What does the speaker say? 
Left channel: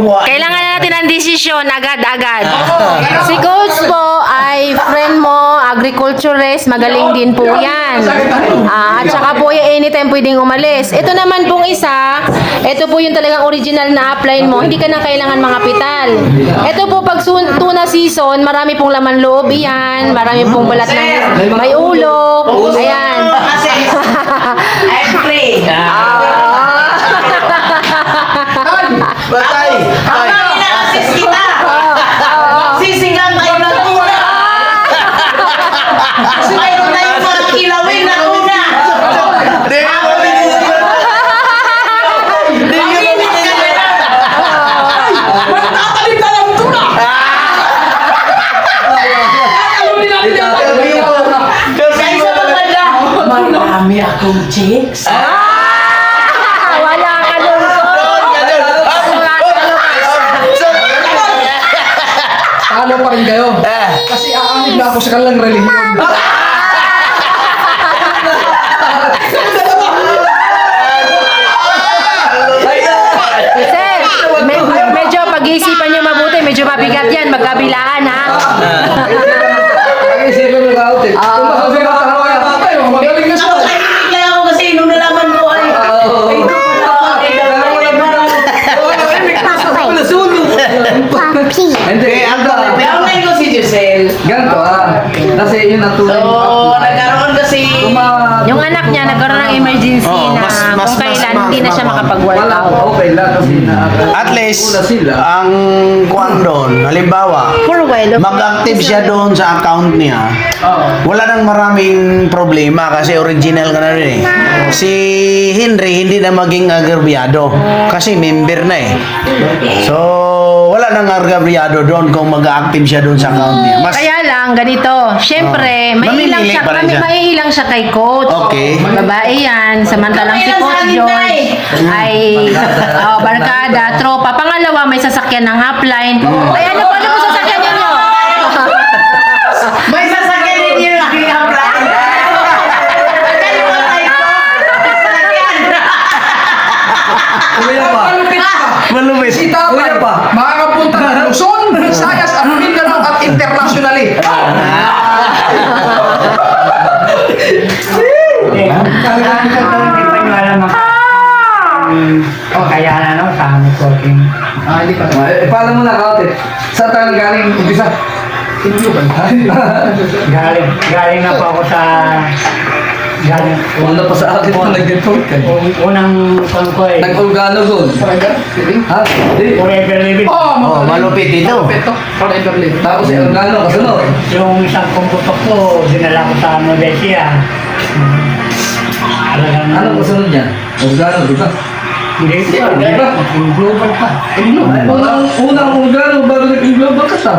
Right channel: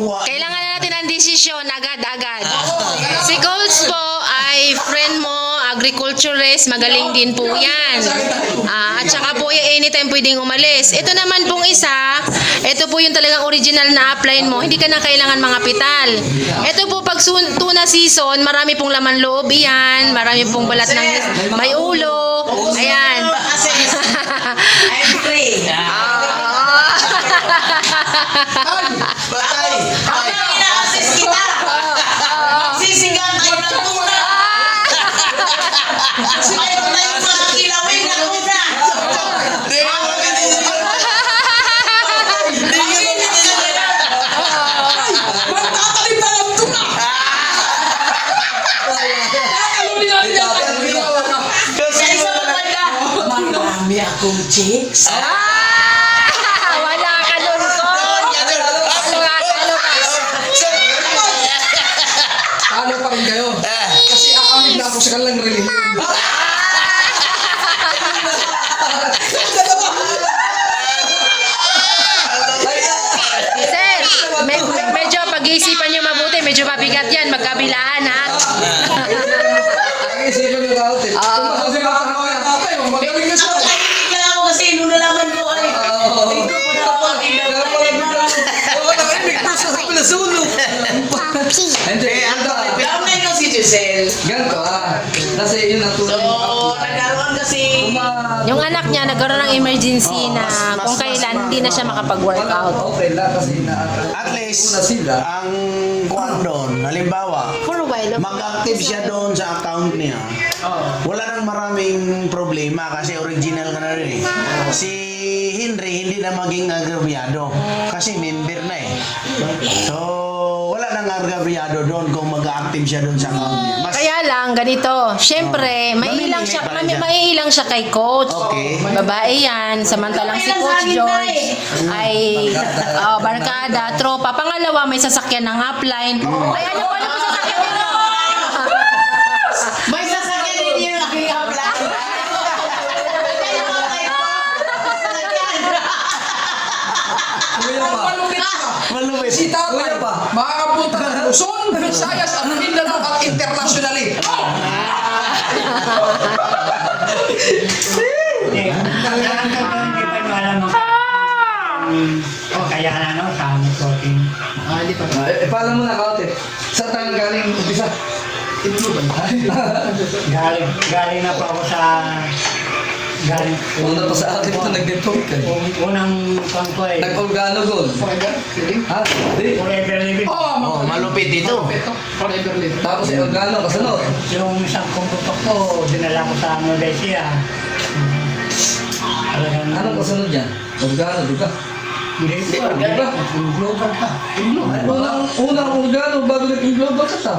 Kailangan natin ang desisyon agad-agad. Si Coach po ay friend mo, agriculturist, magaling din po yan. At saka po anytime pwedeng umalis. Ito naman pong isa, ito po yung talagang original na upline mo, hindi ka na kailangan mga pital. Ito po pag tuna season, marami pong laman loob yan, marami pong balat ng may ulo. Ayan. I'm free. Batay! Habang ina-assist kita, magsisigang tayo ng tuna. Kasi mayroon tayong mga kilawin na tuna. Magtatalim na ng tuna. Sa isa pa banda, marami akong chicks. Wala ka doon, Coach. Talo pa rin kayo. Kasi aamin na ako sa kanilang relihiyon. Sir, medyo pag-iisipan nyo mabuti, medyo mabigat yan, magkabilaan ha. Pag-iisipin mo ka, Ate. Kung masasagot na hawa na tayo, magaling na siya. Nakakainig lang ako kasi nung nalaman ko ay Hindi, Downline ko si Giselle. ganito kasi yun ang So, tunay. nagkaroon kasi Yung anak niya nagkaroon ng emergency Oo, na mas- kung kailan mas- hindi na siya mas- Wala, makapag-workout. okay lang kasi At least, una sila. ang kuwan doon, halimbawa, For a while. mag-active siya doon sa account niya, wala nang maraming problema kasi original ka na rin eh. Si Henry hindi na maging agrabyado kasi member na eh. So, wala nang agrabyado doon kung mag-active siya doon sa account niya. Mas, Kaya lang, ganito. Siyempre, Oh. maiilang Mamimili siya, pa rin siya. maiilang siya kay Coach. Okay. Babae yan. Samantalang si Maiilang Coach sa amin, George ay barkada, tropa. Pangalawa, may sasakyan ng upline. Ay, ano pa mo sasakyan ninyo? may sasakyan din yung aking upline. Kalimutan ko. Sasakyan. Kuya pa. Malupit ka. malupit. Si Tatay pa. Makakapunta ng Luzon, Visayas at Mindanao at internationally. Hindi pa nyo alam kaya na no, sa amin coaching. Hindi pa. Paano mo na, Ate? Saan tayo galing umpisa? Galing na po ako sa Wala pa sa akin na nag-report ka. unang ko eh. Nag-organo gold. Ha? Hindi. Forever living. Oh, malupit ito. Tapos yung organo kasunod. Yung isang kumputok ko, dinala ko sa Novetia. Talagang Anong kasunod niya? Organo, di ba? Hindi pa. Di ba? Yung global pa. Unang organo bago nag-global ka ta.